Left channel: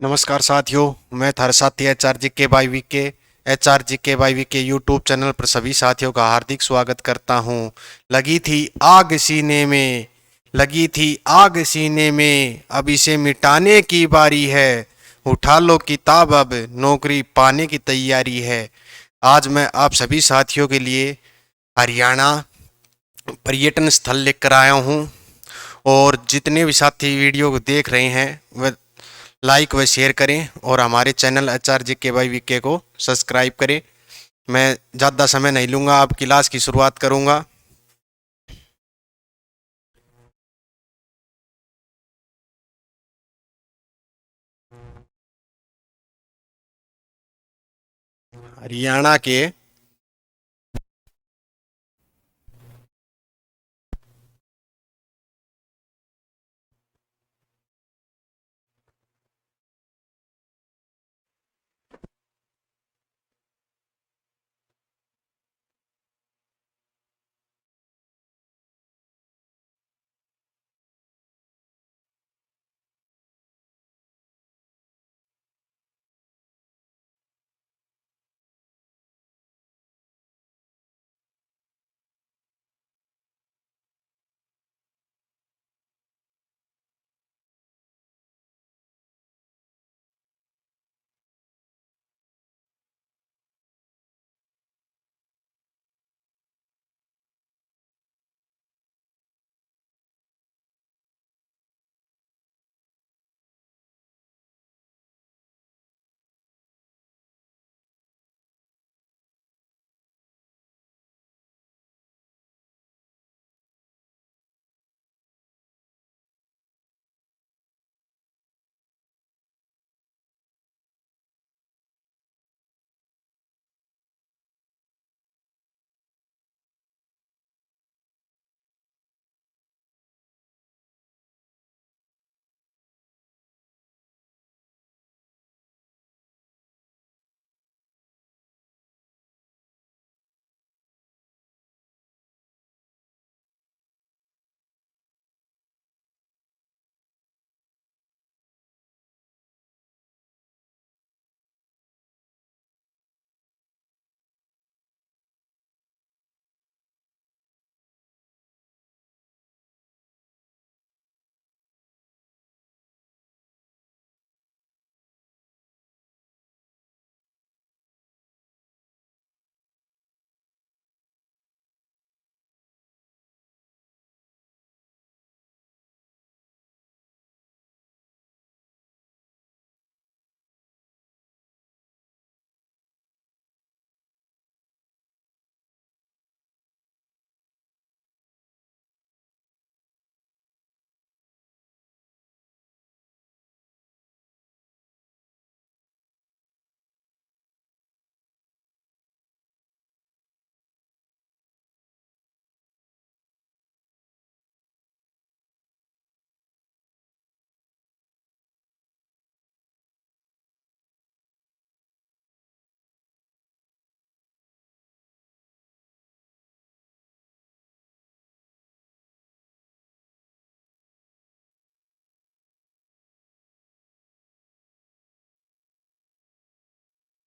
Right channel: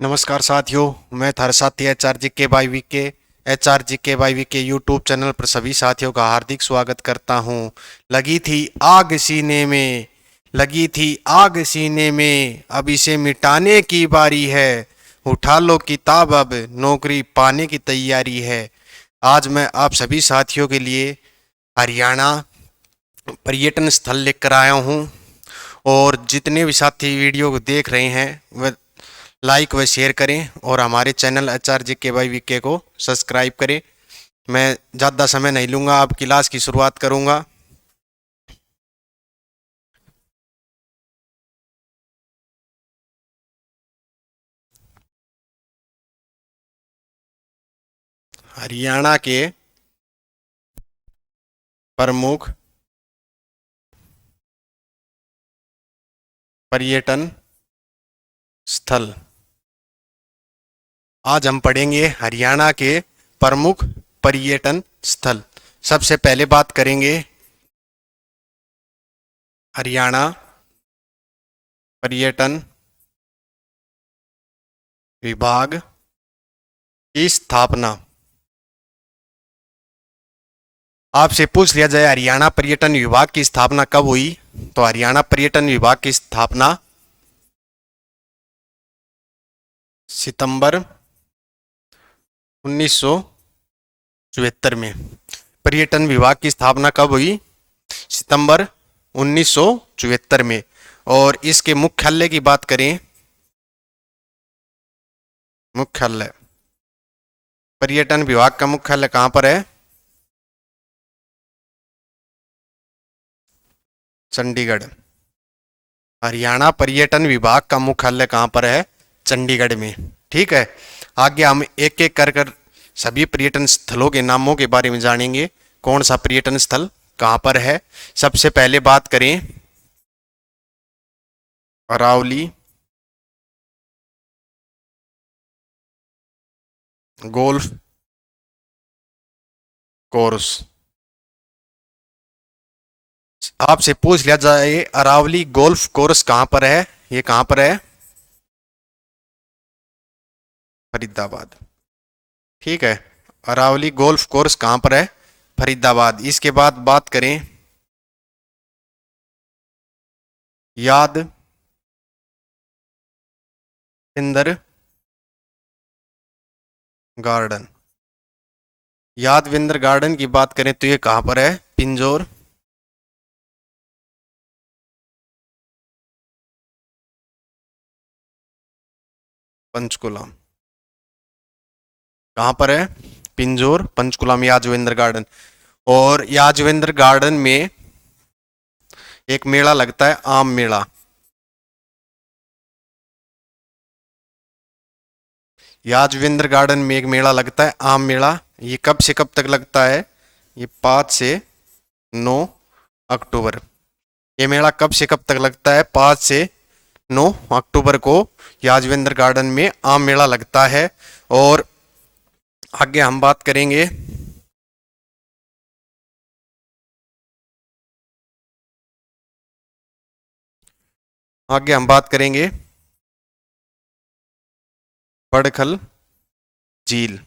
नमस्कार साथियों, मैं थारा साथी एच आर जी के यूट्यूब चैनल पर सभी साथियों का हार्दिक स्वागत करता हूं। लगी थी आग सीने में, लगी थी आग सीने में, अब इसे मिटाने की बारी है। उठा लो किताब, अब नौकरी पाने की तैयारी है। आज मैं आप सभी साथियों के लिए हरियाणा पर्यटन स्थल लेकर आया हूं। और जितने भी साथी वीडियो को देख रहे हैं वह लाइक व शेयर करें और हमारे चैनल एच आर जी के को सब्सक्राइब करें। मैं ज़्यादा समय नहीं लूँगा, अब क्लास की शुरुआत करूँगा। हरियाणा के प्रमुख पर्यटन स्थल। आज हम पढ़ेंगे हरियाणा के प्रमुख पर्यटन स्थल। सबसे पहले बात करेंगे हरियाणा पर्यटन विभाग की स्थापना। आपसे पूछ लिया जाए हरियाणा पर्यटन विभाग की स्थापना कब हुई, तो हरियाणा पर्यटन विभाग की स्थापना सितंबर 1974 में। पर्यटन विभाग की स्थापना कब हुई? सितंबर 1974 में। और इसके मुख्यालय की बात करें, मुख्यालय पर्यटन विभाग का मुख्यालय कहां पर है? चंडीगढ़। हरियाणा पर्यटन विभाग का मुख्यालय कहां पर है? चंडीगढ़ में। ठीक है। आगे हम एक एक कर कर सभी पर्यटन स्थलों के नामों के बारे में जानेंगे। कौन सा पर्यटन स्थल कहां पर है? सबसे पहले बात करें अरावली गोल्फ कोर्स। आपसे पूछ लिया जाए अरावली गोल्फ कोर्स कहां पर है, ये कहां पर है? फरीदाबाद। ठीक है। अरावली गोल्फ कोर्स कहां पर है? फरीदाबाद। इसके बाद बात करें याद इंदर गार्डन। यादविंदर गार्डन की बात करें तो ये कहां पर है? पिंजौर। पंचकुला। कहां पर है? पिंजौर पंचकुला में यादवेंद्र गार्डन। और यादवेंद्र गार्डन में एक मेला लगता है, आम मेला। यादवेंद्र गार्डन में एक मेला लगता है, आम मेला। ये कब से कब तक लगता है? ये 5 से 9 अक्टूबर। ये मेला कब से कब तक लगता है? 5 से 9 अक्टूबर को यादवेंद्र गार्डन में आम मेला लगता है। और आगे हम बात करेंगे आगे हम बात करेंगे बड़खल झील।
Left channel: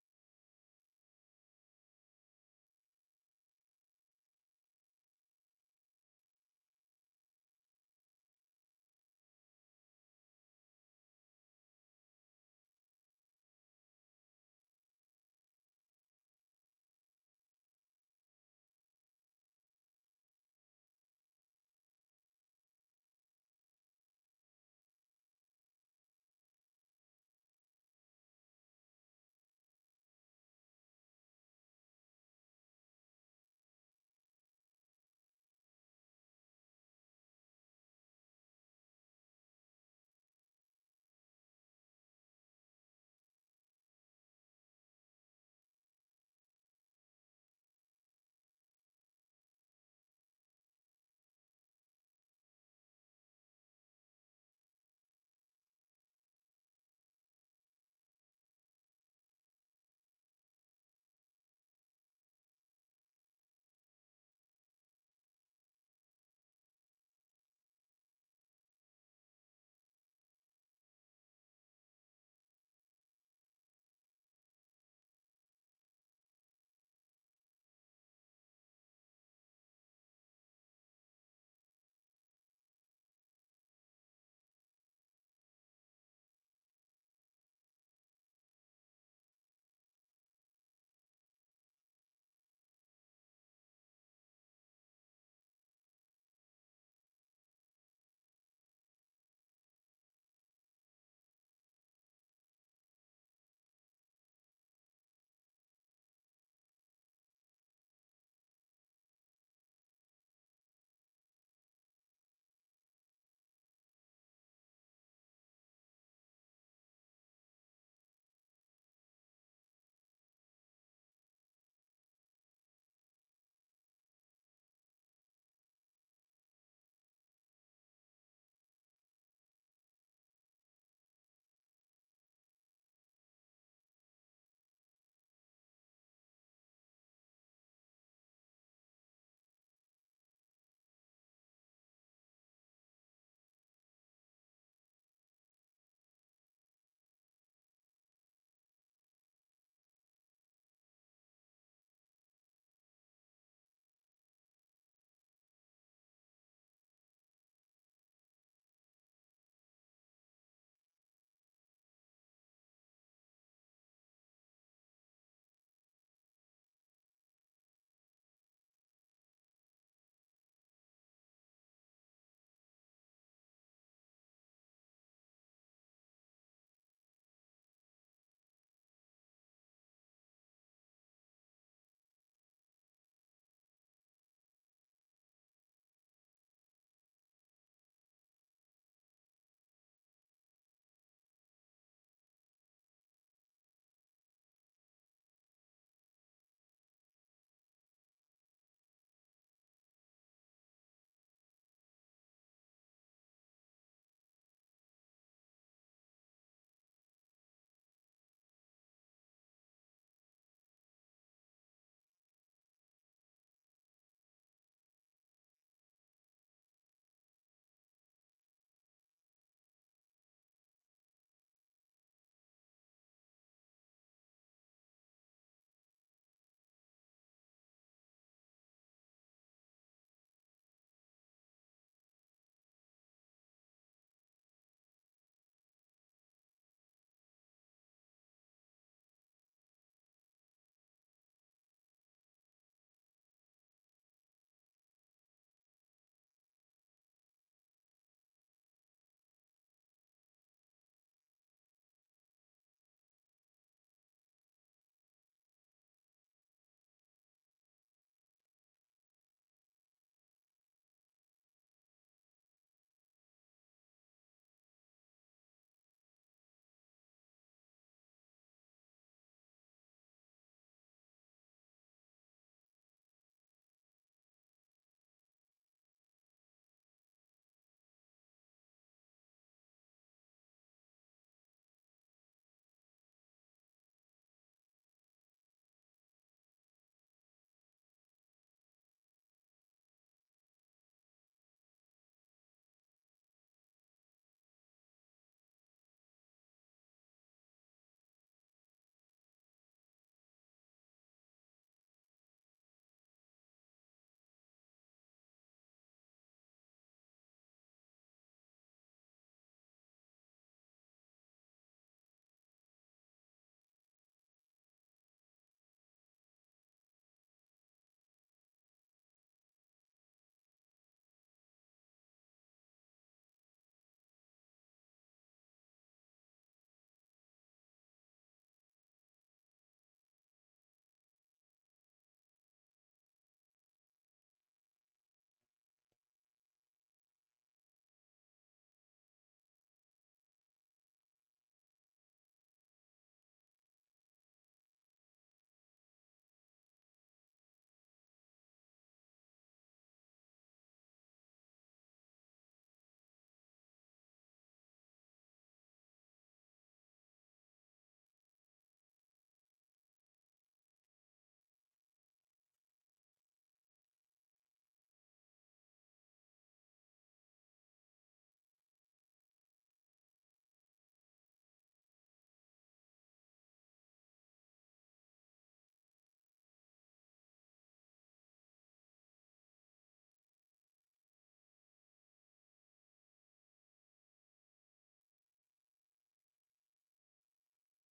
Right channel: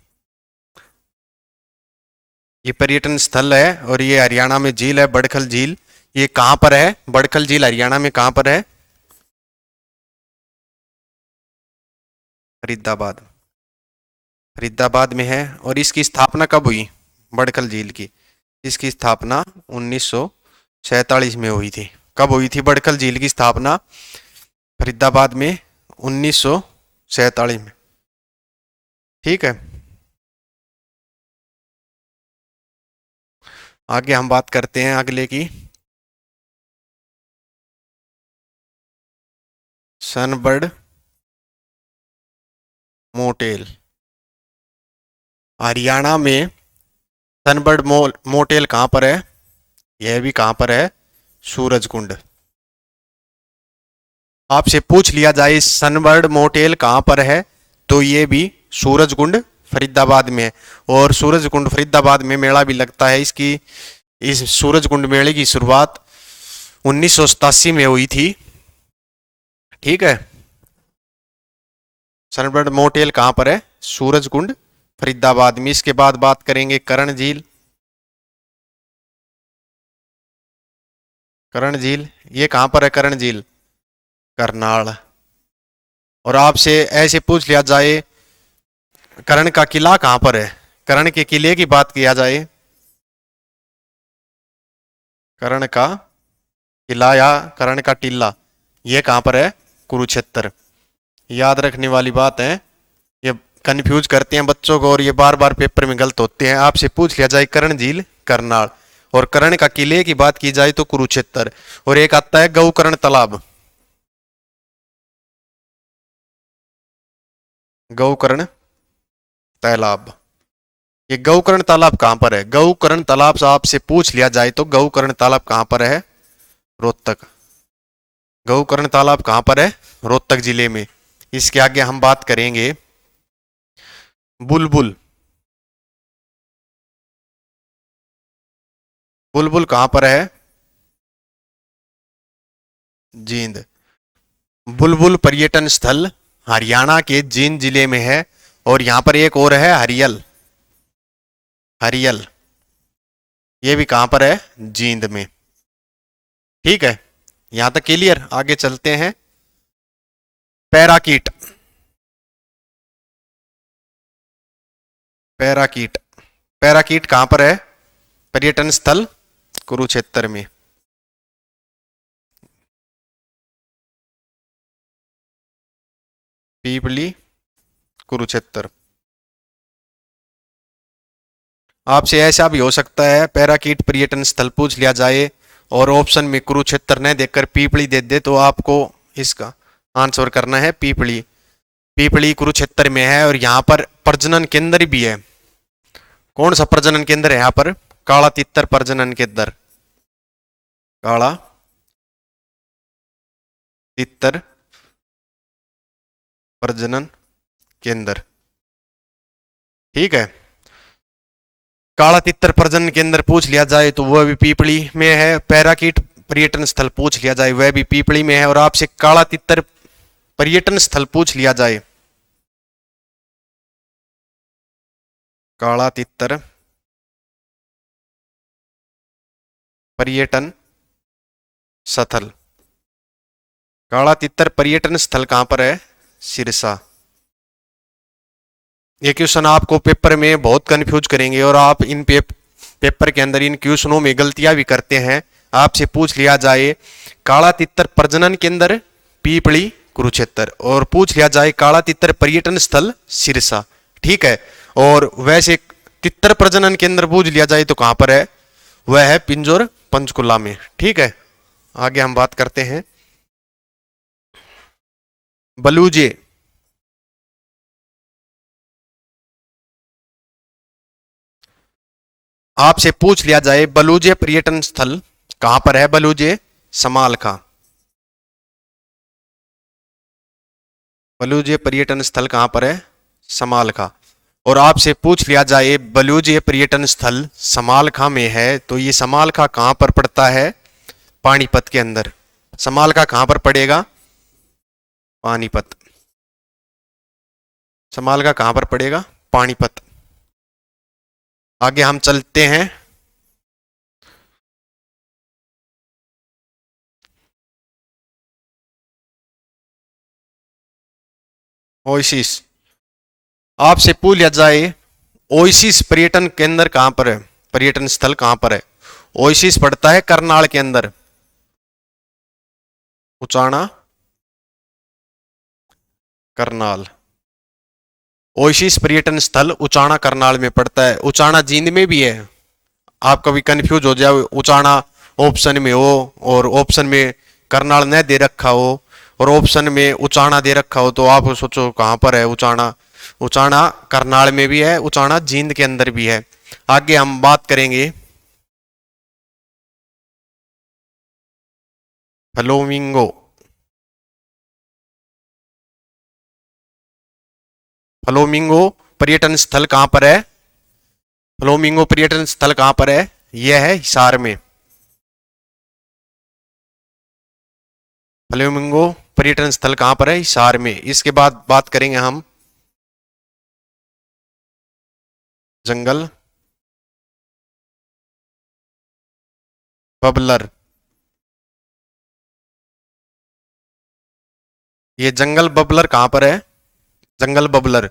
ये पर्यटन स्थल है और ये हरियाणा में झील है, बड़खल झील। ये कहाँ पर है? बड़खल झील हरियाणा में कहाँ पर है? फरीदाबाद। फरीदाबाद में है। और इसकी स्थापना कब हुई बड़खल झील की? इसकी स्थापना 1947 में हुई थी। कब हुई थी बड़खल झील की स्थापना? फरीदाबाद में 1947 में। ठीक है। आगे हम बात करते हैं अगले की। Sunbird motel. हरियाणा में सनबर्ड मोटेल कहाँ पर है? यह भी कहाँ पर है? सूरजकुंड। आपसे पूछ लिया जाए सनबर्ड मोटेल कहाँ पर है, तो ये भी सूरजकुंड फरीदाबाद में है। और सूरजकुंड फरीदाबाद में मेला भी लगता है। इसकी इस सूरजकुंड मेले की शुरुआत 1987 में हुई थी। ठीक है। सनबर्ड मोटेल कहाँ पर है? सूरजकुंड फरीदाबाद में। इसके बाद बात करेंगे करण झील। करण झील ये कहाँ पर है? करण झील करनाल। और आपसे ऐसे पूछ लिया जाए करण का किला कहाँ पर है? करण के किले की बात किया जाए, करण का किला या करण का टीला, ये कहाँ पर है? कुरुक्षेत्र। याद रखने वाली बात है, ये कंफ्यूज करते हैं बच्चों को और ये बार बार पेपर में गलत होते हैं। आपसे पूछ लिया जाए करण झील करनाल, और कर्ण का किले की बात की जाए तो कुरुक्षेत्र। और एक आता है गौकर्ण तालाब। गौकर्ण तालाब, ये गौकर्ण तालाब कहां पर है? गौकर्ण तालाब से आपसे पूछ लिया जाए तो गौकर्ण तालाब कहां पर है? रोहतक। गौकर्ण तालाब कहां पर है? रोहतक जिले में। इसके आगे हम बात करेंगे बुलबुल। बुलबुल कहां पर है? जींद। बुलबुल पर्यटन स्थल हरियाणा के जींद जिले में है। और यहां पर एक और है हरियल। हरियल ये भी कहां पर है? जींद में। ठीक है, यहां तक क्लियर। आगे चलते हैं। पैराकीट। पैराकीट, पैराकीट कहां पर है? पर्यटन स्थल कुरुक्षेत्र में। पीपली कुरुक्षेत्र। आपसे ऐसा भी हो सकता है पैराकीट पर्यटन स्थल पूछ लिया जाए और ऑप्शन में कुरुक्षेत्र न देकर पीपली दे दे, तो आपको इसका आंसर करना है पीपली। पीपली कुरुक्षेत्र में है और यहाँ पर प्रजनन केंद्र भी है। कौन सा प्रजनन केंद्र है यहाँ पर? काला तितर प्रजनन केंद्र। काला तितर प्रजनन केंद्र। ठीक है, काला तितर प्रजनन केंद्र पूछ लिया जाए तो वह भी पीपली में है। पैराकीट पर्यटन स्थल पूछ लिया जाए वह भी पीपली में है। और आपसे काला तितर पर्यटन स्थल पूछ लिया जाए, काला तितर पर्यटन स्थल, काला तितर पर्यटन स्थल कहां पर है? सिरसा। ये क्वेश्चन आपको पेपर में बहुत कंफ्यूज करेंगे और आप इन पेपर के अंदर इन क्वेश्चनों में गलतियां भी करते हैं। आपसे पूछ लिया जाए काला तितर प्रजनन केंद्र पीपली कुरुक्षेत्र, और पूछ लिया जाए काला तितर पर्यटन स्थल सिरसा। ठीक है, और वैसे तितर प्रजनन केंद्र पूछ लिया जाए तो कहां पर है? वह है पिंजौर पंचकुला में। ठीक है, आगे हम बात करते हैं बलूजे। आपसे पूछ लिया जाए बलूजे पर्यटन स्थल कहां पर है? बलूजे समालखा। बलूजे पर्यटन स्थल कहां पर है? समालखा। और आपसे पूछ लिया जाए बलूजे पर्यटन स्थल समालखा में है तो ये समालखा कहां पर पड़ता है? पानीपत के अंदर। समालखा कहां पर पड़ेगा? पानीपत। समालखा कहां पर पड़ेगा? पानीपत। आगे हम चलते हैं ओएसिस। आपसे पूछ लिया जाए ओएसिस पर्यटन केंद्र कहां पर है? पर्यटन स्थल कहां पर है? ओएसिस पड़ता है करनाल के अंदर। उचाना करनाल। ओएसिस पर्यटन स्थल उचाना करनाल में पड़ता है। उचाना जींद में भी है। आप कभी कंफ्यूज हो जाओ, उचाना ऑप्शन में हो और ऑप्शन में करनाल न दे रखा हो और ऑप्शन में उचाना दे रखा हो, तो आप सोचो कहां पर है उचाना? उचाना करनाल में भी है, उचाना जींद के अंदर भी है। आगे हम बात करेंगे फ्लोमिंगो। फ्लोमिंगो पर्यटन स्थल कहां पर है? फ्लोमिंगो पर्यटन स्थल कहां पर है? यह है हिसार में। फ्लेमिंगो पर्यटन स्थल कहां पर है? हिसार में। इसके बाद बात करेंगे हम जंगल बबलर। ये जंगल बबलर कहां पर है? जंगल बबलर,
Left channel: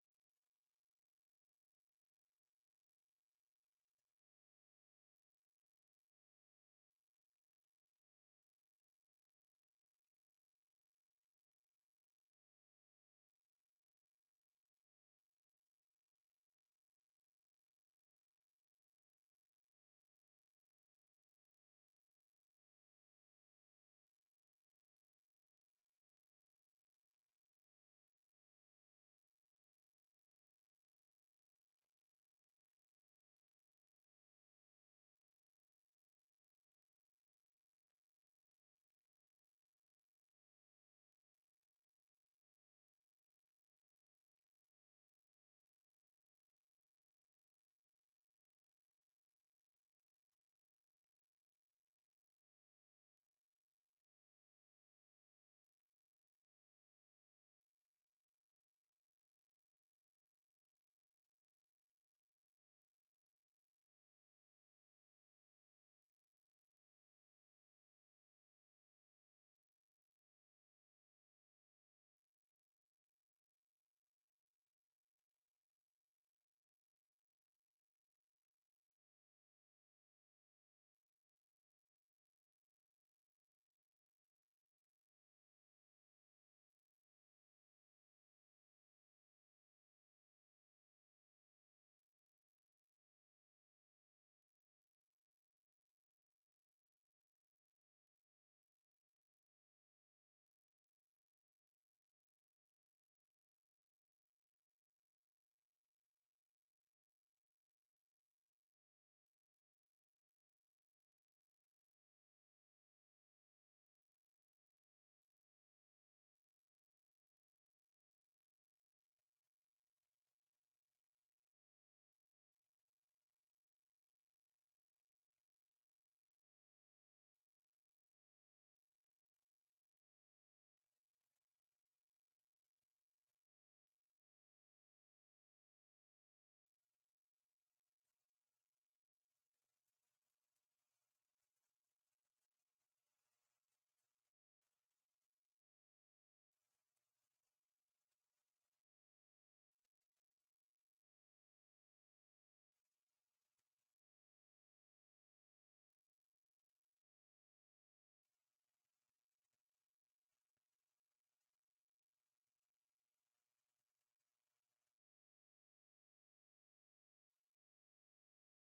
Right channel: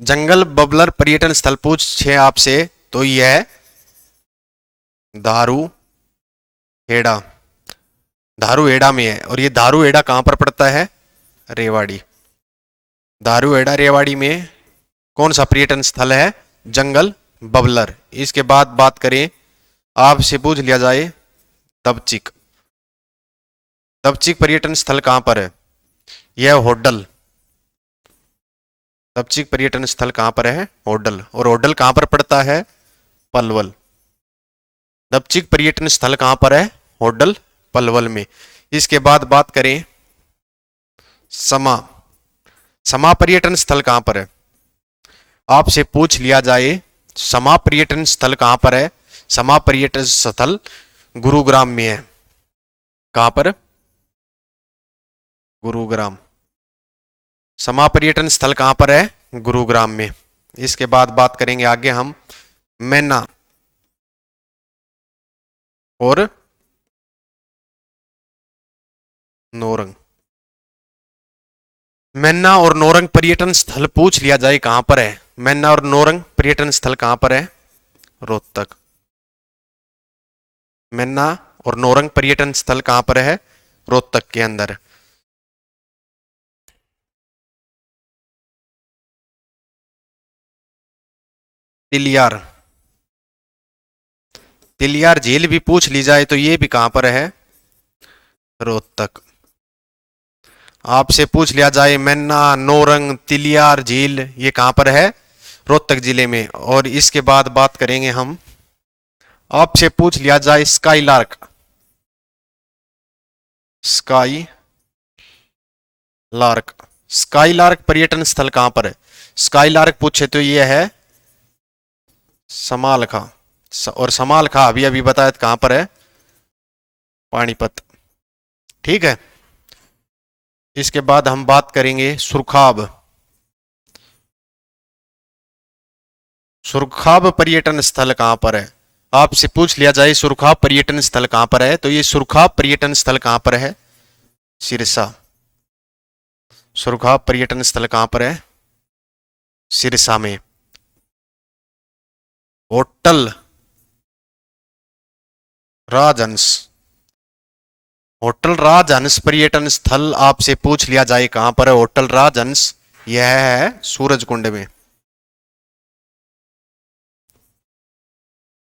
जंगल बबलर पर्यटन स्थल पूछे आपसे तो यह दारू हेड़ा, दारू हेड़ा में है। और ये दारू हेड़ा कहां पर पड़ता है? रेवाड़ी। दारू हेड़ा रेवाड़ी में कौन सा पर्यटन स्थल है? जंगल बबलर। इसके बाद बात करें, आपसे पूछ लिया जाए दबचिक, दबचिक पर्यटन स्थल कहां पर है? यह होडल। दबचिक पर्यटन स्थल कहां पर है? होडल। और होडल कहां पर पड़ता है? पलवल। दबचिक पर्यटन स्थल कहां पर है? होडल पलवल में। इसके बाद बात करें समा, समा पर्यटन स्थल कहां पर है? आपसे पूछ लिया जाए समा पर्यटन स्थल कहां पर है? समा पर्यटन स्थल गुरुग्राम में है। कहां पर? गुरुग्राम। समा पर्यटन स्थल कहां पर है? गुरुग्राम में। इसके बाद बात करेंगे आगे हम मैना और नोरंग। मैना और नोरंग पर्यटन स्थल पूछ लिया जाए कहां पर है? मैना और नोरंग पर्यटन स्थल कहां पर है? रोहतक। मैना और नोरंग पर्यटन स्थल कहां पर है? रोहतक के अंदर। तिलियार, तिलियार झील भी पूछ ली जाए तो ये भी कहां पर है? रोहतक। आपसे पूछ लिया जाए मैना, नोरंग, तिलियार झील ये कहां पर है? रोहतक जिले में। और इसके बाद बात करेंगे हम, आपसे पूछ लिया जाए sky lark, sky lark, sky lark पर्यटन स्थल कहां पर है? स्काई लार्क पूछे तो ये है समालखा। और समालखा अभी अभी बताया कहां पर है? पानीपत। ठीक है। इसके बाद हम बात करेंगे सुरखाब, सुरखाब पर्यटन स्थल कहां पर है? आपसे पूछ लिया जाए सुरखाब पर्यटन स्थल कहां पर है तो ये सुरखाब पर्यटन स्थल कहां पर है? सिरसा। सुरखाब पर्यटन स्थल कहां पर है? सिरसा में। होटल राजहंस, होटल राजहंस पर्यटन स्थल आपसे पूछ लिया जाए कहां पर है? होटल राजहंस यह है सूरजकुंड में।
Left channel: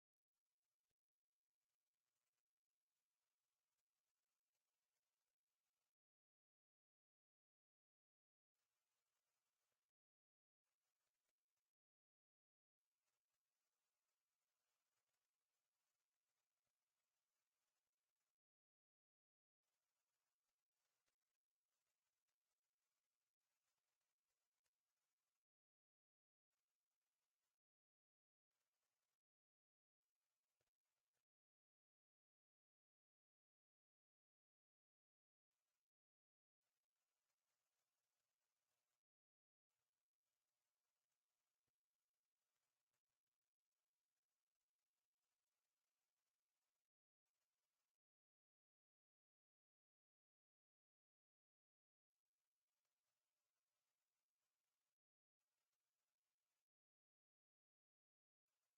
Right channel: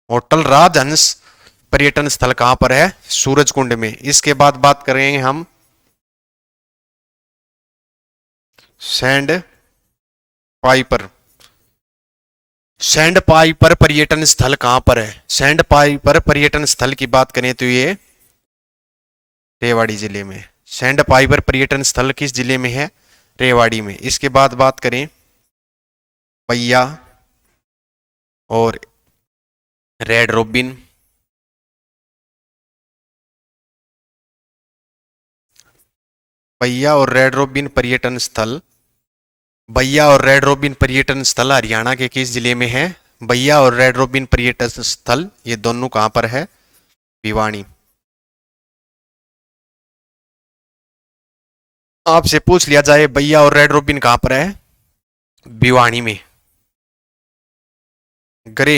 होटल राजहंस पर्यटन स्थल कहां पर है? सूरजकुंड में। इसके बाद बात करेंगे हम सैंड पाइपर, सैंड पाइपर पर्यटन स्थल कहां पर है? सैंड पाइपर पर्यटन स्थल की बात करें तो ये रेवाड़ी जिले में। सैंड पाइपर पर्यटन स्थल किस जिले में है? रेवाड़ी में। इसके बाद बात करें पैया और रेड रोबिन, पैया और रेड रोबिन पर्यटन स्थल, भैया और रेड रोबिन पर्यटन स्थल हरियाणा के किस जिले में है? भैया और रेड रोबिन पर्यटन स्थल ये दोनों कहां पर है? भिवानी। आपसे पूछ लिया जाए भैया और रेड रोबिन कहां पर है? भिवानी में। ग्रे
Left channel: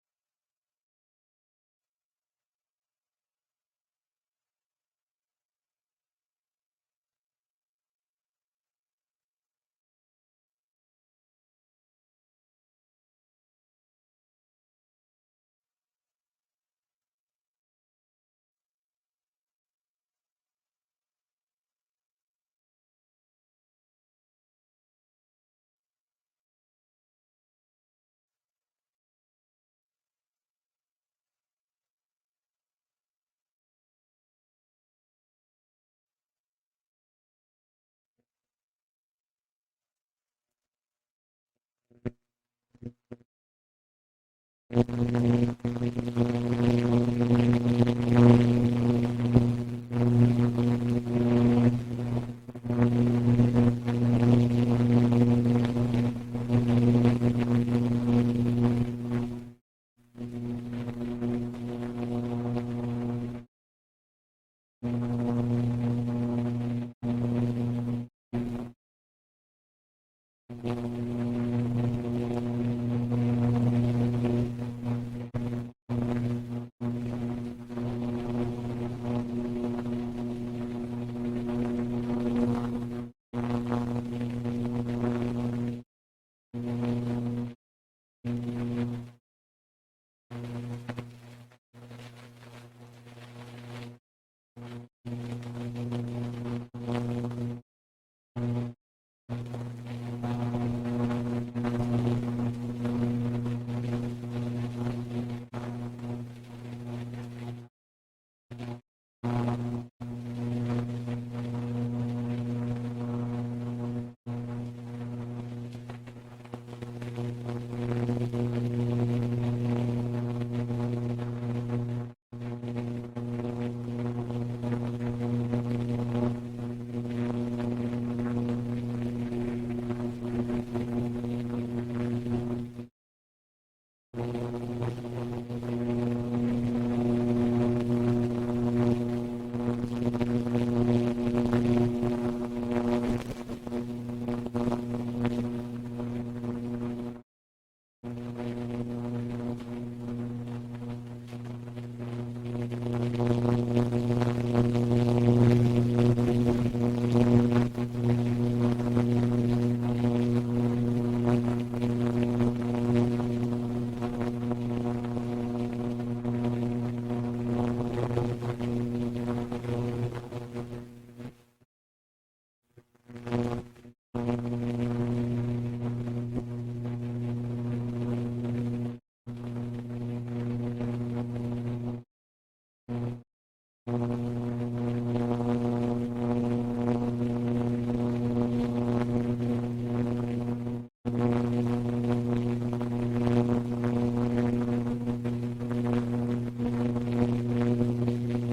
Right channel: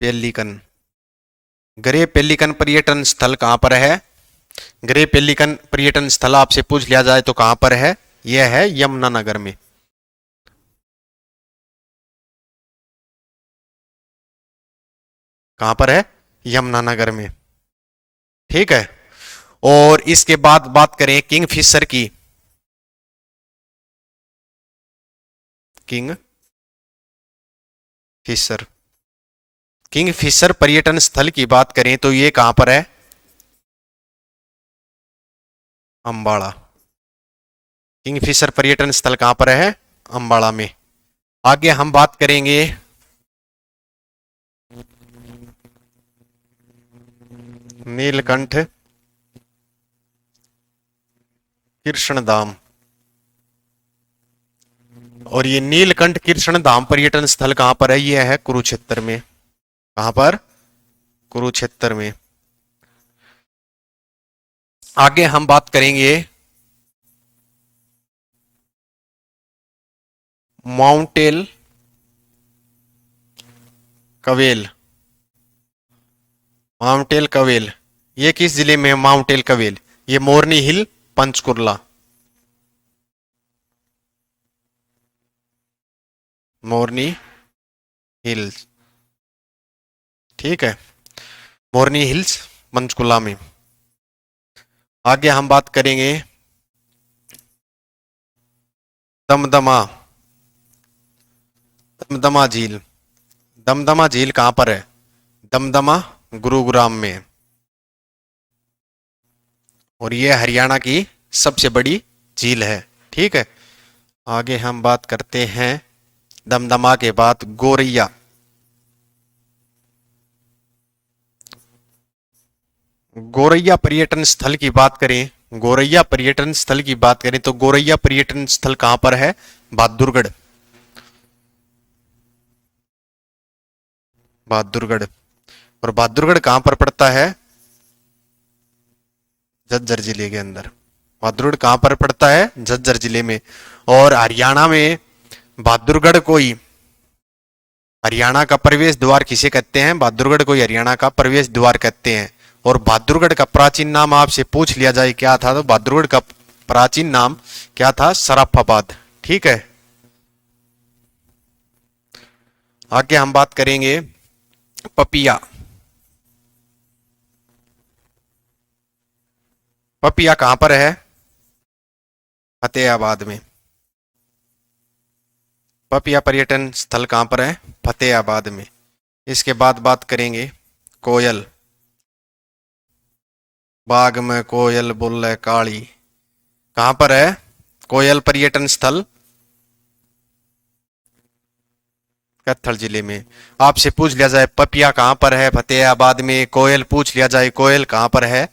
पेलिकन, ग्रे पेलिकन पर्यटन स्थल कहां पर है? ग्रे पेलिकन पर्यटन स्थल आपसे पूछ लिया जाए तो कहां पर है? यह है यमुनानगर में। कहां पर है? यमुनानगर में। ठीक है। और इसके बाद बात करें किंग फिशर की, किंग फिशर, किंग फिशर पर्यटन स्थल की बात करें तो ये कहां पर है? अंबाला। किंग फिशर पर्यटन स्थल कहां पर है? अंबाला में। आगे हम बात करेंगे नीलकंठ कृष्णधाम। और ये नीलकंठ कृष्णधाम पर्यटन स्थल कहाँ पर है? ये है कुरुक्षेत्र में। कहाँ पर? कुरुक्षेत्र में। आगे हम बात करेंगे माउंटेल कवेल। माउंटेल कवेल ये किस जिले में है? माउंटेल कवेल ये मोरनी हिल, पंचकुला। मोरनी हिल्स, ठीक है, मोरनी हिल्स पंचकुला में। आगे हम बात करेंगे दमदमा। दमदमा झील। दमदमा झील कहाँ पर है? दमदमा गुरुग्राम में। और ये हरियाणा की सबसे बड़ी झील है, ठीक है। आगे हम बात करते हैं दमदमा के बाद गोरैया। गोरैया पर्यटन स्थल की बात करें, गोरैया पर्यटन स्थल की बात करें तो गोरैया पर्यटन स्थल कहां पर है? बहादुरगढ़। बहादुरगढ़। और बहादुरगढ़ कहां पर पड़ता है? झज्जर जिले के अंदर। बहादुरगढ़ कहां पर पड़ता है? झज्जर जिले में। और हरियाणा में बहादुरगढ़ को ही हरियाणा का प्रवेश द्वार किसे कहते हैं? बहादुरगढ़ को ही हरियाणा का प्रवेश द्वार कहते हैं। और बहादुरगढ़ का प्राचीन नाम आपसे पूछ लिया जाए क्या था, तो बहादुरगढ़ का प्राचीन नाम क्या था? सराफाबाद, ठीक है। आगे हम बात करेंगे पपिया। पपिया कहां पर है? फतेहाबाद में। पपिया पर्यटन स्थल कहां पर है? फतेहाबाद में। इसके बाद बात करेंगे कोयल। बाग में कोयल बोले काली, कहां पर है कोयल पर्यटन स्थल? कैथल जिले में। आपसे पूछ लिया जाए पपिया कहां पर है? फतेहाबाद में। कोयल पूछ लिया जाए कोयल कहां पर है?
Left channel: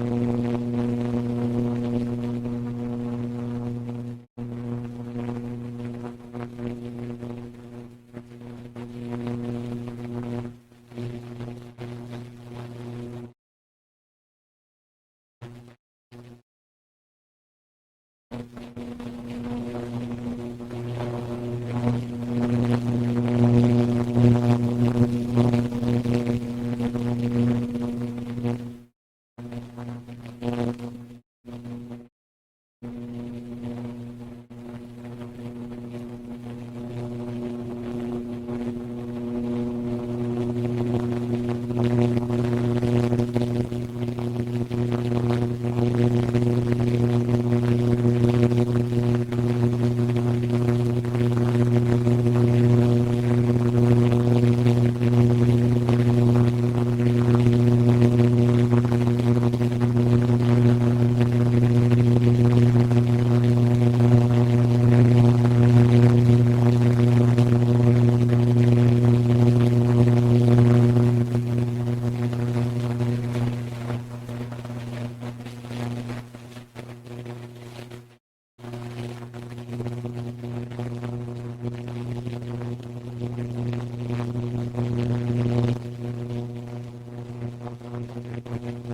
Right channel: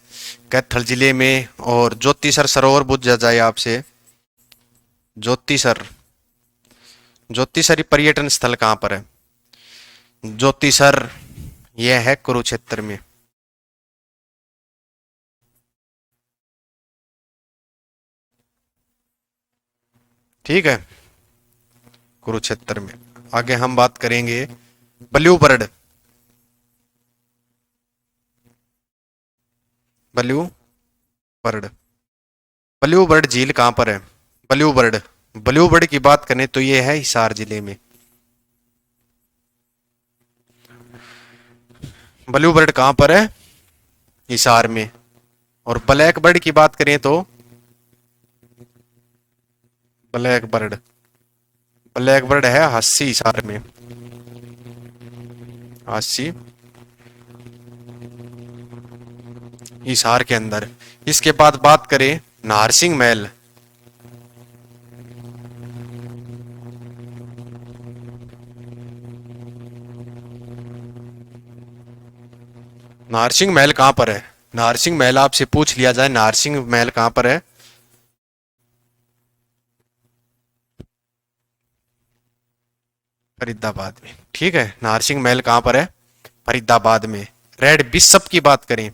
कैथल जिले में। और ज्योतिसर सरोवर पूछ लिया जाए आपसे, ज्योतिसर, ज्योतिसरी पर्यटन स्थल कहां पर है? ज्योतिसर यह है कुरुक्षेत्र में। ठीक है, कुरुक्षेत्र में। आगे हम बात करेंगे blue bird. Blue bird. Blue bird झील कहां पर है? ब्लू बर्ड, ब्लू बर्ड की बात करें तो ये है हिसार जिले में। ब्लू बर्ड कहां पर है? हिसार में। और ब्लैक बर्ड की बात करें तो ब्लैक बर्ड, ब्लैक बर्ड है हस्सी, हिसार में। हस्सी हिसार के अंदर। इसके बाद बात करें नारसिंह महल। नारसिंह महल कहां पर है? नारसिंह महल आपसे पूछ लिया जाए नारसिंह महल कहां पर है? फरीदाबाद में, ठीक है। नारसिंह महल कहां पर है? फरीदाबाद में। रेड बिशप की बात करें,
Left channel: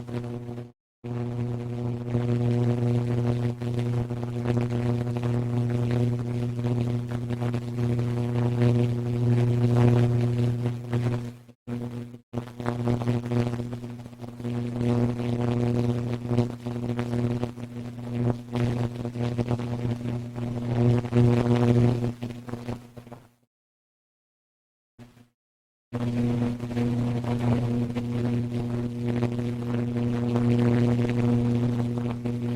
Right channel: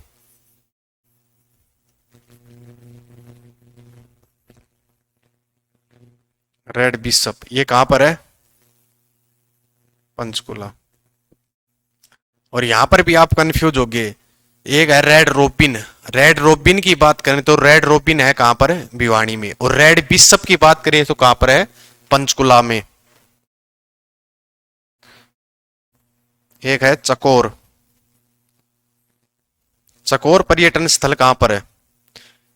रेड बिशप ये कहां पर है? पंचकुला। और यहां पर भी आप कंफ्यूज हो गए। एक है रेड रोबिन। रेड रोबिन की बात करें तो रेड रोबिन है कहां पर? है भिवानी में। और रेड बिशप की बात करें तो कहां पर है? पंचकुला में। एक है चकोर। चकोर पर्यटन स्थल कहां पर है?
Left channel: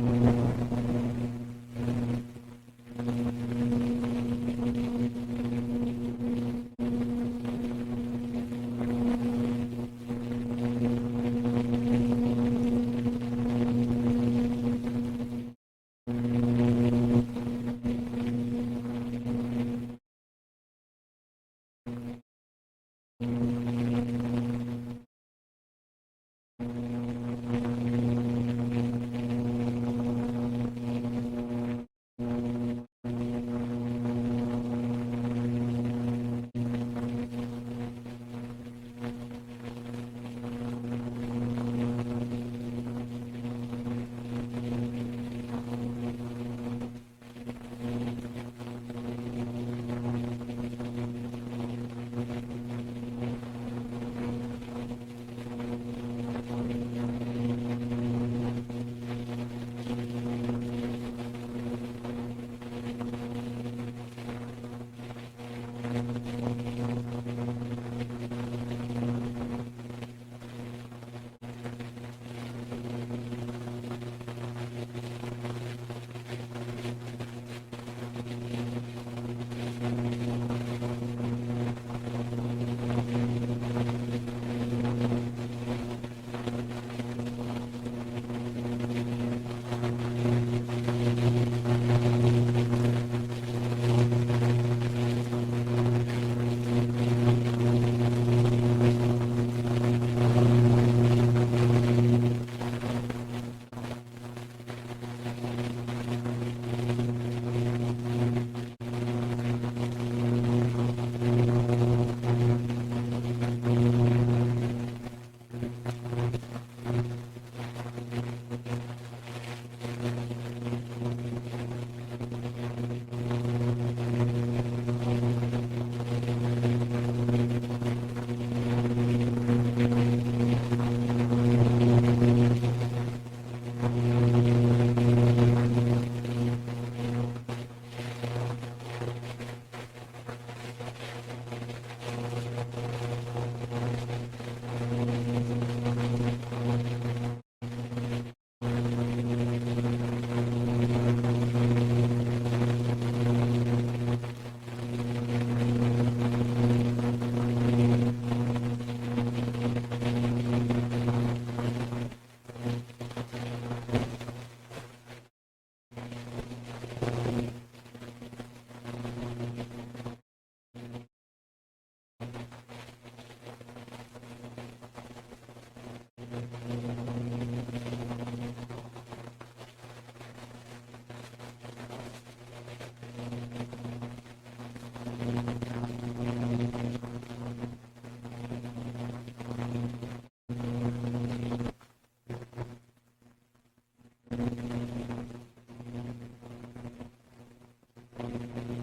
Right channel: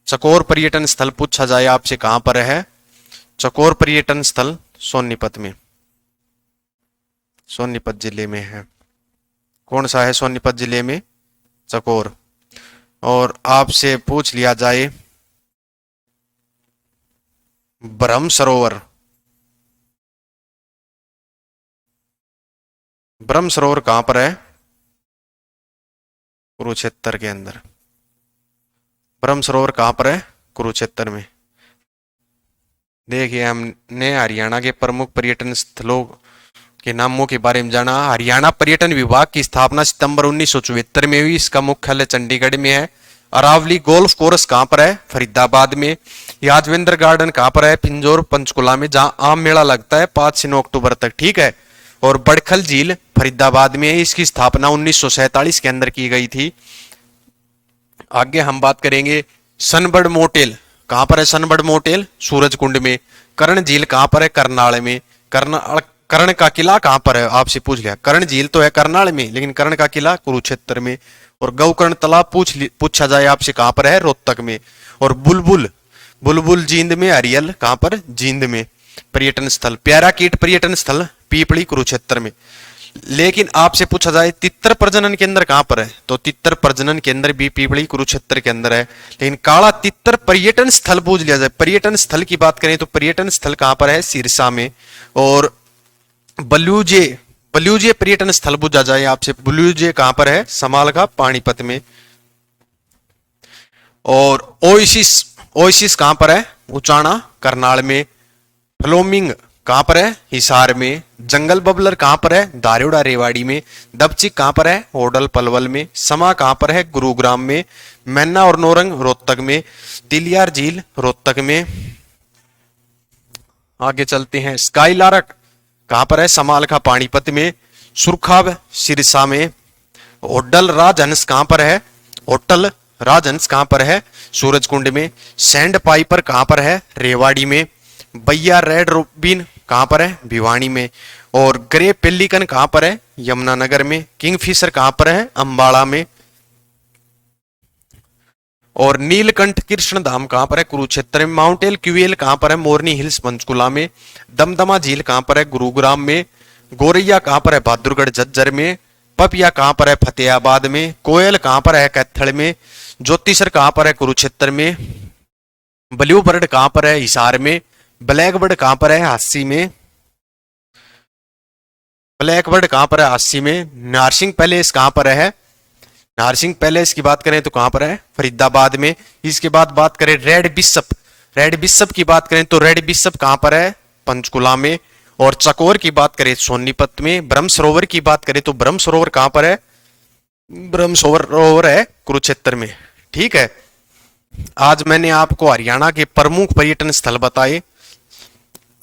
चकोर पर्यटन स्थल पूछा जाए आपसे कहां पर है? चकोर पर्यटन स्थल सोनीपत में, सोनीपत जिले में है। कौन सा है सोनीपत जिले में? चकोर। और आपसे पूछ लिया जाए ब्रह्म सरोवर। ब्रह्म सरोवर कहां पर है? कुरुक्षेत्र के अंदर। ब्रह्म सरोवर कहाँ पर है? कुरुक्षेत्र में। देखिए हमने हरियाणा के प्रमुख पर्यटन स्थलों के नामों के बारे में जाना। हरियाणा पर्यटन विभाग की स्थापना सितंबर 1974 में हुई। इसका मुख्यालय चंडीगढ़ में है। अरावली गोल्फ कोर्स कहाँ पर है? फरीदाबाद में। यादवेंद्र गार्डन कहाँ पर है? पिंजौर पंचकुला में, जहाँ आम मेला लगता है 5 से 9 अक्टूबर तक। ठीक है। और बड़खल झील फरीदाबाद में है। इसकी स्थापना 1947 के अंदर की गई थी। आगे हम बात करेंगे सनबर्ड मोटेल कहाँ पर है? सनबर्ड मोटेल सूरजकुंड में। कर्ण झील कहाँ पर है? करनाल में। कर्ण का किला कहाँ पर है? आपसे पूछ लिया। कर्ण झील तो है करनाल में, लेकिन कर्ण का किला कुरुक्षेत्र में। और गौकर्ण तालाब पूछा जाए आपसे कहाँ पर है? रोहतक में। और बुलबुल जींद में। हरियल कहाँ पर? जींद में। पर्यटन स्थल प्यारा कीट पर्यटन स्थल पीपली कुरुक्षेत्र में। लेकिन आपसे पूछा जाए तितर प्रजनन केंद्र कहाँ पर है? तो तितर प्रजनन केंद्र भी पीपली कुरुक्षेत्र के अंदर है। लेकिन काला तितर पर्यटन स्थल पूछ लिया जाए, पर्यटन स्थल की बात करें तो पर्यटन स्थल कहाँ पर है? सिरसा में। और बलूजे पर्यटन स्थल पूछा जाए आपसे, बलूजे कहाँ पर है? समालखा पानीपत में। और ओएसिस कहाँ पर है? उचाना करनाल में। फ्लोमिंग कहाँ पर है? हिसार में। जंगल बबलर कहाँ पर है? दारोड़ा रेवाड़ी में। दबचिक कहाँ पर है? होडल पलवल में। समा कहाँ पर है? गुरुग्राम में। मैना और नौरंग रोहतक में। तिलियार झील रोहतक में। आगे चलते हैं। स्काईलार्क कहाँ पर है? समालखा पानीपत में। सुरखाब सिरसा में। होटल राजहंस कहाँ पर है? होटल राजहंस कहाँ पर है? सूरजकुंड में। सैंड पाइपर कहाँ पर है? रेवाड़ी में। बैया रेड रूबिन कहाँ पर है? भिवानी में। और ग्रे पेलिकन कहाँ पर है? यमुनानगर में। किंगफिशर कहाँ पर है? अंबाला में। और नीलकंठ कृष्ण धाम कहाँ पर है? कुरुक्षेत्र में। माउंटेन क्यूएल कहाँ पर है? मोरनी हिल्स पंचकुला में। दमदमा झील कहाँ पर है? गुरुग्राम में। गोरैया कहाँ पर है? बहादुरगढ़ झज्जर में। पपिया कहाँ पर है? फतेहाबाद में। कोयल कहाँ पर है? कैथल में। ज्योतिषर कहाँ पर है? कुरुक्षेत्र में। ब्लू बर्ड कहाँ पर है? हिसार में। ब्लैक बर्ड कहाँ पर है? हांसी में। ब्लैक बर्ड कहाँ पर है? हांसी में। नारसिंह पैलेस कहाँ पर है? नारसिंह पैलेस की बात करें तो कहाँ पर है? फरीदाबाद में। इसके बाद बात करें रेड बिशप की बात करें तो रेड बिशप कहाँ पर है? पंचकुला में। और चकोर की बात करें सोनीपत में। ब्रह्म सरोवर की बात करें तो ब्रह्म सरोवर कहाँ पर है? ब्रह्म सरोवर है कुरुक्षेत्र में। ठीक है। आज मैंने आपको हरियाणा के प्रमुख पर्यटन स्थल बताए।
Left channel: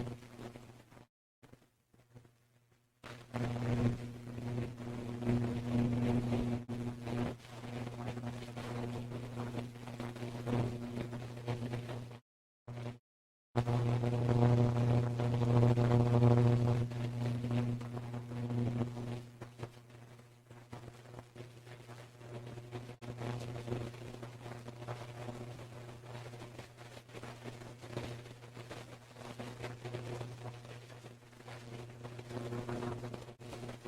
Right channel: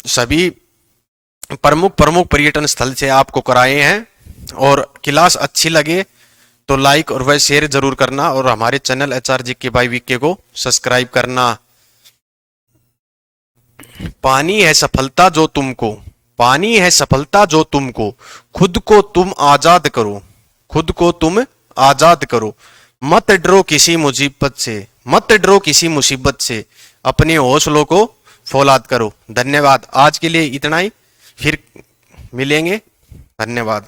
सभी प्रमुख पर्यटन स्थल से आपको कराए हैं। और क्लास अच्छी लगे तो लाइक और वह शेयर जरूर करना। और हमारे चैनल HRGK बाय वीके को सब्सक्राइब करना। पानी है सफलता जो तुमको खुद को तुम आजाद करो। मत डरो किसी मुसीबत से अपने हौसलों को फौलाद करो। धन्यवाद। आज के लिए इतना ही, फिर मिलेंगे। धन्यवाद।